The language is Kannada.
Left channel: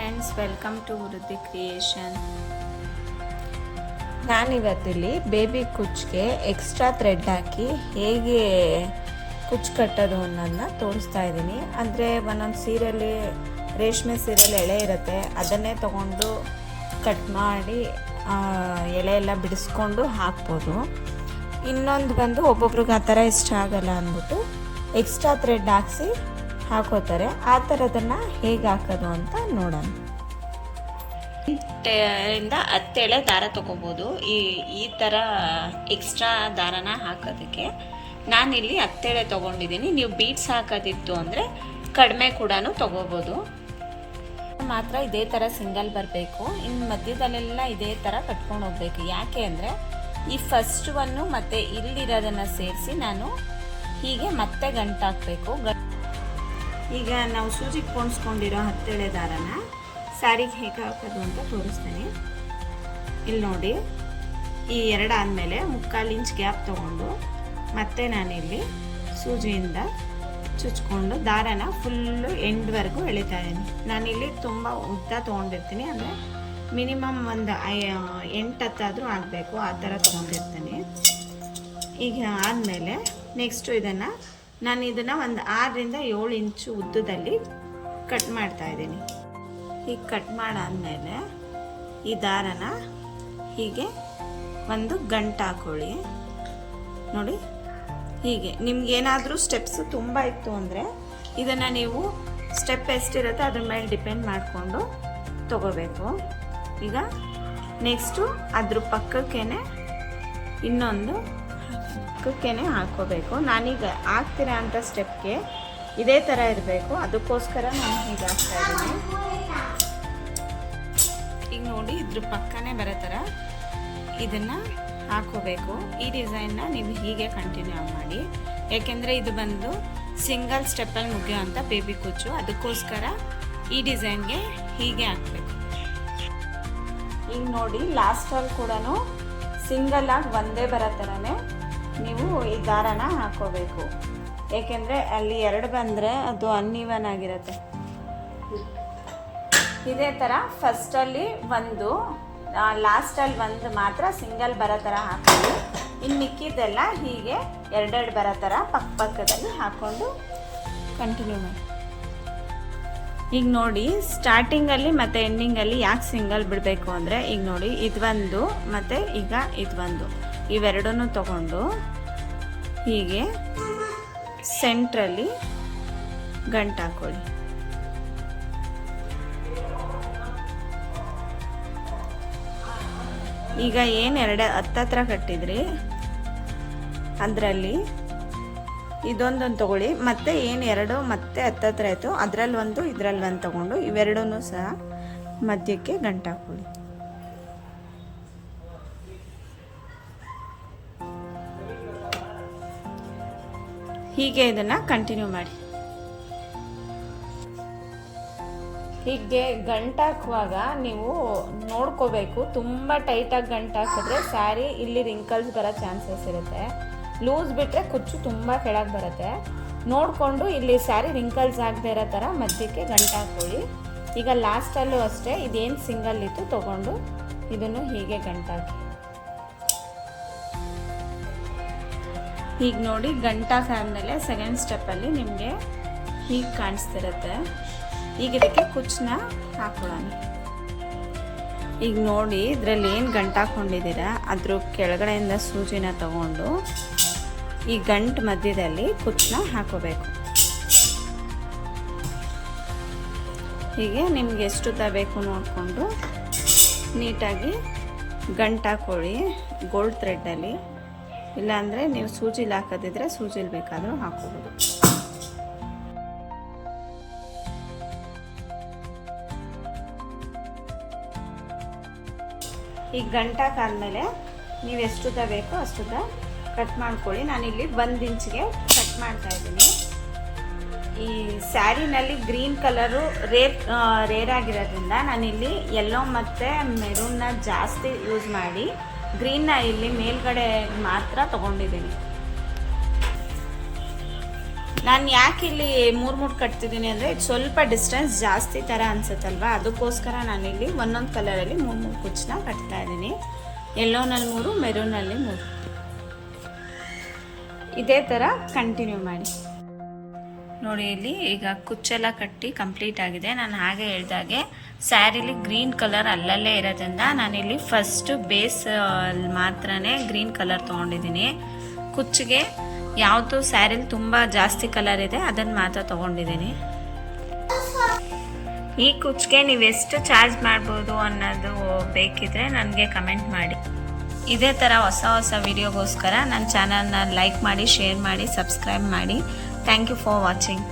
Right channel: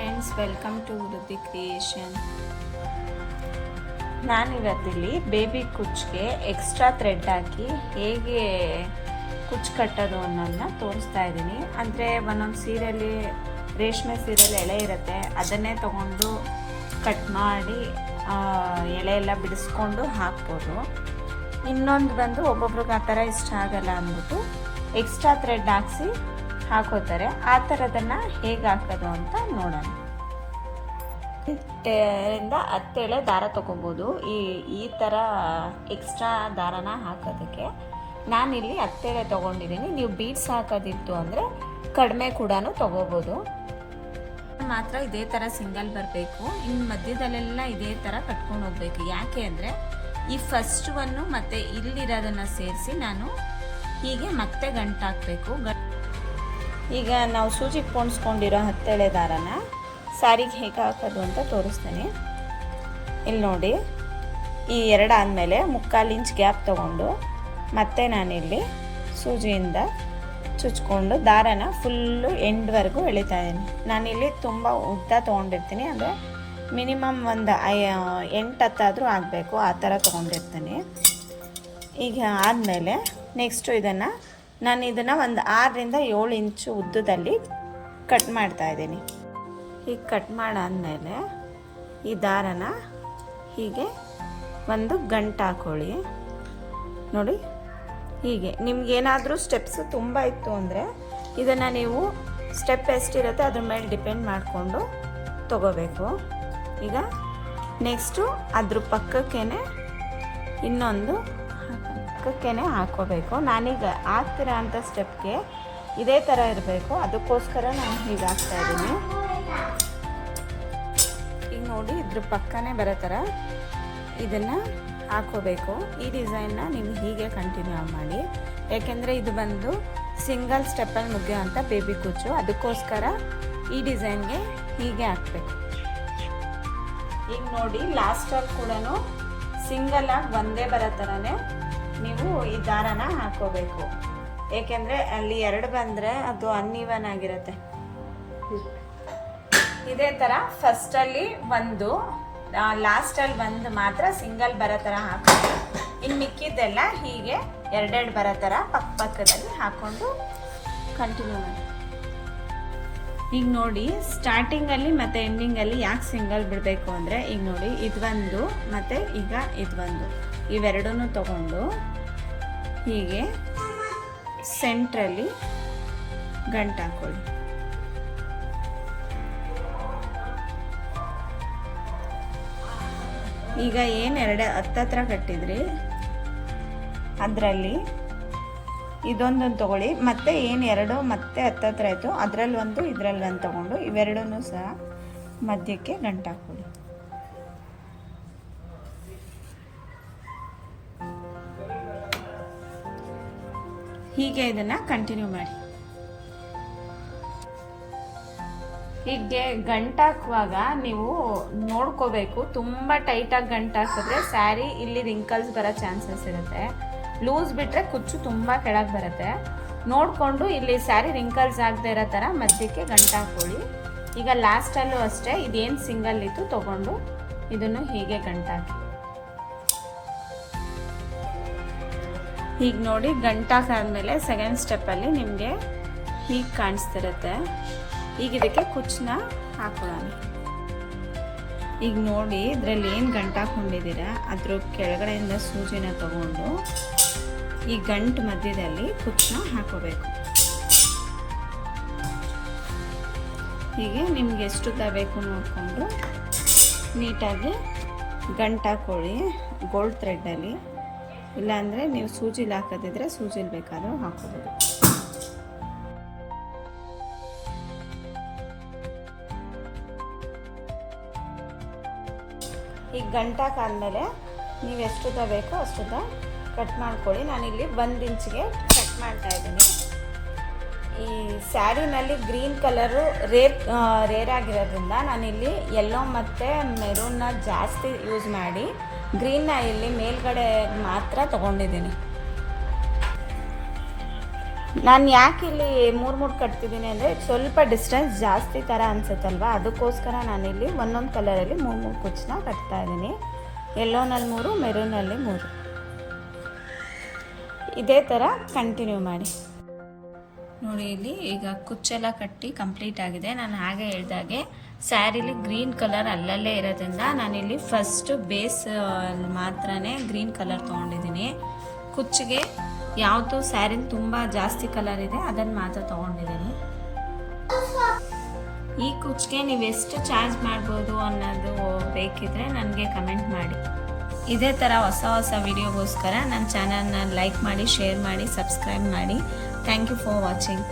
ಫ್ರೆಂಡ್ಸ್, ವೆಲ್ಕಮ್ ಟು ವೃದ್ಧಿ ಕ್ರಿಯೇಷನ್. ನಾನಿವತ್ತಿಲ್ಲಿ ಬೇಬಿ ಕುಚ್ಗೆ ಎಕ್ಸ್ಟ್ರಾ ಥ್ರೆಡ್ ಹಾಕಿ ಹೇಗೆ ಕುಚ್ಚು ಕಟ್ಟೋದು ಅನ್ನೋದನ್ನ ತೋರಿಸ್ತಾ ಇದ್ದೀನಿ. ಅಂದರೆ ಒಂದೊಂದು ಸೀರೆಯಲ್ಲಿ ರೇಷ್ಮೆ ಸೀರೆಯಲ್ಲಿ ಎಳೆ ಇರುತ್ತೆ, ಅದನ್ನೇ ತಗೊಂಡು ಕಟ್ ಮಾಡಿ ಎಳೆ ಎಲ್ಲ ಬಿಡಿಸ್ಕೊಂಡು ಹಾಕ್ಬೋದು. ಇನ್ನೊಂದು ಬಂದು ಒಬ್ಬೊಬ್ರಿಗೆ ಆ ಥರ ಇಷ್ಟ ಆಗಲ್ಲ ಅಂದ್ಬಿಟ್ಟು ಎಕ್ಸ್ಟ್ರಾ ಥ್ರೆಡ್ ಹಾಕಿಸಿ ಹಾಕೋತಾರೆ. ಆ ಥರದನ್ನು ಹೇಗೆ ಹಾಕೋದು ಅಂತ ನೋಡೋಣ. 10 ಎಳೆ ದಾರ ತೊಗೊಬೋದು. ಈ ಥರ ಎಕ್ಸ್ಟ್ರಾ ದಾರನ ಹಾಕೋದಕ್ಕೆ ನಾನಿಲ್ಲಿ 10 ಎಳೆ ತೊಗೊಂಡಿದ್ದೀನಿ. ನೀವು ಬೀಡ್ಸ್ ಹಾಕೋದಿತ್ತು ಅಂದರೆ ಕಡಿಮೆ ಕೂಡ ತೊಗೋಬೋದು. ಮಾತ್ರ ಇದೇ ಥರ ಸಿಂಗಲ್ ಬರಬೇಕು. ಇನ್ನು ಮಧ್ಯದಲ್ಲೆಲ್ಲ ಇದೇ ಥರ ಕಟ್ಕೊಂಡು ಹೋಗ್ಬೇಕು. ಯಾಕೆ ಅಂದರೆ ಈ ಫಸ್ಟ್ ಒನ್ನು ಮತ್ತು ಇಲ್ಲಿರೋದನ್ನು ಸೇರಿಸಿ ನಾನು ಹೀಗೆ ಮತ್ತೆ ಗಂಟು ಹಾಕಬೇಕು. ಈಗ ನಾವು ಸೂಜಿಗೆ ಪೋಣಿಸ್ಕೊಂಡಿರೋ 10 ಎಳೆ ದಾರನ ಸ್ಯಾರಿಗೆ ಹೇಗೆ ಹಾಕೋದು ಅಂತ ತೋರಿಸ್ತೇನೆ. ಇಲ್ಲಿ ನೋಡಿ, ಈ 2 ಆದಮೇಲೆ 3/4 ಇಂಚ್ ಗ್ಯಾಪ್ ತೊಗೊಂಡು ಮತ್ತೆ ನಾನಿಲ್ಲಿ ಸೂಜಿಯಿಂದ ಚುಚ್ಕೊಂಡು ದಾರನ ಫುಲ್ಲು ಎಂಡ್ವರೆಗೂ ಎಳಿತಾ ಇದ್ದೀನಿ. ನಾನಿಲ್ಲಿ ತುಂಬ ಉದ್ದ ತೊಗೊಂಡಿರ್ತೀನಿ, ಅಂದರೆ ಮಿನಿಮಮ್ ಒಂದು 8-10 ಆದರೂ ಆಗಬೇಕು, ಆ ಥರ ತೊಗೊಂಡಿರ್ತೀನಿ. ಈಗ ಆದಮೇಲೆ ನೆಕ್ಸ್ಟು ನಾನು ಇದನ್ನು ಒಂದು 6ರಿಂದ 7 ಇಂಚು ಉದ್ದದಲ್ಲಿ ಕಟ್ ಮಾಡ್ತಾಯಿದ್ದೀನಿ. ಹೀಗೆ ಕಟ್ ಮಾಡಾದಮೇಲೆ ಈ ದಾರನ ಹೀಗೆ ಒಂದು ಗಂಟು ಹಾಕೊಳ್ಳಿ. ನೋಡಿ, ಹೀಗೆ ನಿಮ್ಗೇನಾದರೂ ಸ್ಟೆಪ್ಸ್ ತುಂಬ ಇತ್ತು ಅಂದರೆ ಇದನ್ನು ನೀವು ಸ್ಟೆಪ್ ಎಷ್ಟಿರುತ್ತೆ ಅದ್ರ ಮೇಲೆ ಡಿಪೆಂಡ್ ಮಾಡಿಕೊಂಡು ತಗೋಬೇಕು. ಈಗ ನೆಕ್ಸ್ಟು ಅದ್ರ ಪಕ್ಕಕ್ಕೇ ಇನ್ನೊಂದು ಪಕ್ಕಕ್ಕೇ ಹಾಕೋಬೇಕು. ನಾನೀಗ ಹಾಕ್ತೀರಾ ಅಂತ ಸ್ಟೆಪ್ಗೆ ಇದೇ ಥರ ಇರಬೇಕು, ಅದಕ್ಕೋಸ್ಕರ ನಾನು ಹೀಗೆ ಹಾಕ್ತಾ ಇದ್ದೀನಿ. ಈಗ ನೋಡಿ, ಇದ್ರ ಪಕ್ಕನೇ ಬರೋ ಥರ ಇದನ್ನು ಹಾಕೋಬೇಕು. ಈ ಡಿಸೈನ್ನ ನೀವು ಹೀಗೆ ಕಂಟಿನ್ಯೂ ಮಾಡಿ, ಯಾಕೆಂದರೆ ಇದು ಬಂದು ಸಿಂಗಲ್ ಸ್ಟೆಪ್ಪಲ್ಲಿ ಮುಗಿಯೋ ಅಂತ ಬೇಬಿ ಕುಚ್ಚು, ಅದಕ್ಕೋಸ್ಕರ ಈ ಡಿಸೈನ್ಗೆ ಹೀಗೆ ಹಾಕಬೇಕು. ಈಗ ನೋಡಿ, ಲಾಸ್ಟಲ್ಲಿ ಕೂಡ ಸಿಂಗಲ್ ಆಗಿ ಒಂದೇ ಬರೋ ಥರನೇ ನೀವು ಈ ದಾರನ ಹಾಕೋಬೇಕು. ಏಕೆಂದರೆ ಅಲ್ಲಿ 2 ಬಂದರೆ ಅದು ಅನ್ಈವನ್ ಆಗಿರುತ್ತೆ. ಇದೇ ಥರ ಫಸ್ಟಲ್ಲಿ ಒಂದು, ಲಾಸ್ಟಲ್ಲಿ ಒಂದು ಮಾತ್ರ ಸಿಂಗಲ್ ಬರೋ ಥರ ಹಾಕೋದು. ಇನ್ನು ಮಿಕ್ಕಿದ್ದೆಲ್ಲ ಹೀಗೆ 2 ಬರೋ ಥರ ಪಕ್ಕದಲ್ಲಿ ಹಾಕ್ಕೊಂಡು ಕಂಟಿನ್ಯೂ ಮಾಡಿ. ಈಗ ನೋಡಿ, ಸ್ಟಾರ್ಟಿಂಗಲ್ಲಿ ಮತ್ತು ಎಂಡಿಂಗಲ್ಲಿ ಯಾಕೆ ಸಿಂಗಲ್ ಬಿಡಬೇಕು ಅಂದರೆ, ಈಗ ನೋಡಿ ಇದೊಂದು ಮತ್ತು ಈಗ ಇದೊಂದು, ಇವೆರಡನ್ನೂ ತಗೊಂಡು ಹೀಗೆ ಸೆಂಟ್ರಲ್ಲಿ ಗಂಟು ಹಾಕೊಳ್ಳಿ. ಈಗ ಏನು 2 ಹತ್ತತ್ರ ಕಟ್ಟಿದ್ರಿ ಅದರಲ್ಲಿ ಇದೊಂದೊಂದು ತಗೊಳ್ಳಿ, ಮತ್ತೆ ಏನು 2 ಮತ್ತೆ ಹತ್ತತ್ರ ಆಯಿತು ಅದರಲ್ಲಿ ಒಂದು ಇದರಲ್ಲಿ ಒಂದು ತಗೊಂಡು ಇವೆರಡೂ ಸಹ ಮಧ್ಯಕ್ಕೆ ಗಂಟು ಹಾಕೊಳ್ಳಿ. ಹೀಗೆ ಇದನ್ನು ಕಂಟಿನ್ಯೂ ಮಾಡಿ. ಹೀಗೆ ಗಂಟು ಹಾಕುವಾಗ ನೀವು ನೋಡ್ಕೋಬೇಕು, ತುಂಬ ಟೈಟಾಗಿ ಗಂಟು ಹಾಕಿದ್ರೆ ಸ್ಯಾರಿ ಇಲ್ಲಿ ರಿಂಕಲ್ಸ್ ಬರೋ ಚಾನ್ಸಸ್ ಇರುತ್ತೆ. ಲೂಸ್ ಬಿಟ್ಟರೆ ಕುಚ್ಚು ತುಂಬ ಕೆಳಗೆ ಬರುತ್ತೆ. ನೋಡಿಕೊಂಡು ಇಲ್ಲಿ ಸ್ಯಾರಿ ರಿಂಕಲ್ಸ್ ಆಗದೆ ಇರೋ ಥರ ಮಧ್ಯಕ್ಕೆ ಗಂಟು ಹಾಕೊಳ್ಳಿ. ಈಗ ಲಾಸ್ಟಲ್ಲೂ ಅಷ್ಟೇ, ಇದೇನು ಸಿಂಗಲ್ ಇತ್ತು ತಗೊಂಡು ಇದನ್ನು ಹೀಗೆ ಗಂಟು ಹಾಕಿ. ಈಗ ನೋಡಿ, ಗಂಟು ಹಾಕಾದ್ಮೇಲೆ ಸೆಕೆಂಡ್ ಸ್ಟೆಪ್ಪಲ್ಲಿ ನಿಮಗೆ ಹೀಗೆ ಕಾಣಿಸ್ತಿರುತ್ತೆ. ಈಗ ಇದಕ್ಕೆ ಕುಚ್ಚನ್ನ ಹಾಕೊಳ್ಳೋಣ. ಈಗ ನೋಡಿ, ಇದರಲ್ಲಿ ಏನು ಗಂಟು ಹಾಕ್ಕೊಂಡಿದ್ದೀರ ಅದ್ರ ಕೆಳಗಡೆಯಿಂದ ಸೂಜಿನ ತಗೊಂಡು ಈ ಗಂಟು ಮಧ್ಯದಲ್ಲಿ ಕುಚ್ಚನ್ನ ಹಾಕೋಬೇಕು. ಹೀಗೆ ನಿಮ್ಗೆ ಎಷ್ಟು ಬೇಕು ನೋಡಿಕೊಂಡು ನೀಟಾಗಿ ಗಂಟು ಹಾಕೊಳ್ಳಿ ಗೋಲ್ಡ್ ಥ್ರೆಡ್ಡಲ್ಲಿ. ಇಲ್ಲಾಂದರೆ ನೀವು ಸೂಜಿಲಿ ಹಾಕೋದಿದ್ರೆ ಸೂಜಿಲಿ ಬೇಕಾದರೂ ಹಾಕೋಬೋದು. ಈಗ ಗಂಟು ಹಾಕಾದ್ಮೇಲೆ ನೀವು ಎಷ್ಟು ಬೇಕೋ ಅಷ್ಟು ಕಟ್ ಮಾಡ್ಕೊಳ್ಳಿ. ನಾನಿಲ್ಲಿ 1 ಇಂಚಿಗೆ ಕಟ್ ಮಾಡ್ತಾ ಇದ್ದೀನಿ. ಈ ಸ್ಯಾರಿನಲ್ಲಿ ಗ್ರೀನ್ ಕಲರು ರೇರ್ ಆಗಿರೋದ್ರಿಂದ ನಾನಿಲ್ಲಿ ಯೆಲ್ಲೋ ಮತ್ತು ಮೆರೂನ್ನ ಜಾಸ್ತಿ ಯೂಸ್ ಮಾಡಿ ಗ್ರೀನ್ನ ಇಲ್ಲಿ ಮೇಲ್ಗಡೆ ಮಾತ್ರ ತೊಗೊಂಡಿದ್ದೀನಿ. ನಾನು ಯಾಕೆ ಇಲ್ಲಿ ಮೂರು ಕಟ್ತಿದ್ದೀನಿ ಅಂದರೆ ಸ್ವಲ್ಪ ಡಿಸ್ಟೆನ್ಸ್ ಜಾಸ್ತಿ ಥರ ಅನ್ಸುತ್ತಲ್ವ, ಅದಕ್ಕೋಸ್ಕರ ನಾನಿಲ್ಲಿ ಒಂದೊಂದು ಕಲರಲ್ಲಿ ಮೂರು ಕುಚ್ಚನ್ನ ಕಟ್ತಾ ಇದ್ದೀನಿ. ಯೆಲ್ಲೋನಲ್ಲಿ 3, ಮೆರೂನಲ್ಲಿ 3. ಇದೇ ಥರ ಕಂಟಿನ್ಯೂ ಮಾಡಿ. ನೋಡಿ ಇಲ್ಲಿ ಈಗ ಕುಚ್ಚೆಲ್ಲ ಕಟ್ಟಿ ಕಂಪ್ಲೀಟ್ ಆಗಿದೆ. ನಾನು ಹಾಗೆ ಹೇಳ್ದಾಗೆ ಸ್ಯಾರಿಲಿ ಗ್ರೀನ್ ಕಲರ್ ಅಲ್ಲಲ್ಲೇ ಇರೋದ್ರಿಂದ ನಾನಿಲ್ಲಿ ಫಸ್ಟ್ ಬೇಸ್ ಮಾತ್ರನೇ ಗ್ರೀನ್ ಕಲರ್ ತೊಗೊಂಡಿದ್ದೀನಿ. ಕುಚ್ಚಿಗೆ ಯಾವುದು ಸ್ಯಾರಿಲಿ ತುಂಬ ಜಾಸ್ತಿ ಕಲರ್ ಇದೆ ಅದನ್ನು ಮಾತ್ರ ತೊಗೊಂಡಿದ್ದೀನಿ. ಈ ಕುಚ್ಚಿಗೆ ನೀವು ಎಷ್ಟು ಚಾರ್ಜ್ ಮಾಡ್ಬೋದು ಅನ್ನೋದು ಬೇಕಿದ್ರೆ ನನಗೆ ಕಮೆಂಟ್ ಮಾಡಿ. ಇದೇ ಥರ ಹೊಸ ವಿಡಿಯೋಗೋಸ್ಕರ ನನ್ನ ಚಾನಲ್ನ ಲೈಕ್ ಮಾಡಿ, ಶೇರ್ ಮಾಡಿ, ಸಬ್ಸ್ಕ್ರೈಬ್ ಮಾಡಿ. Thank you for watching.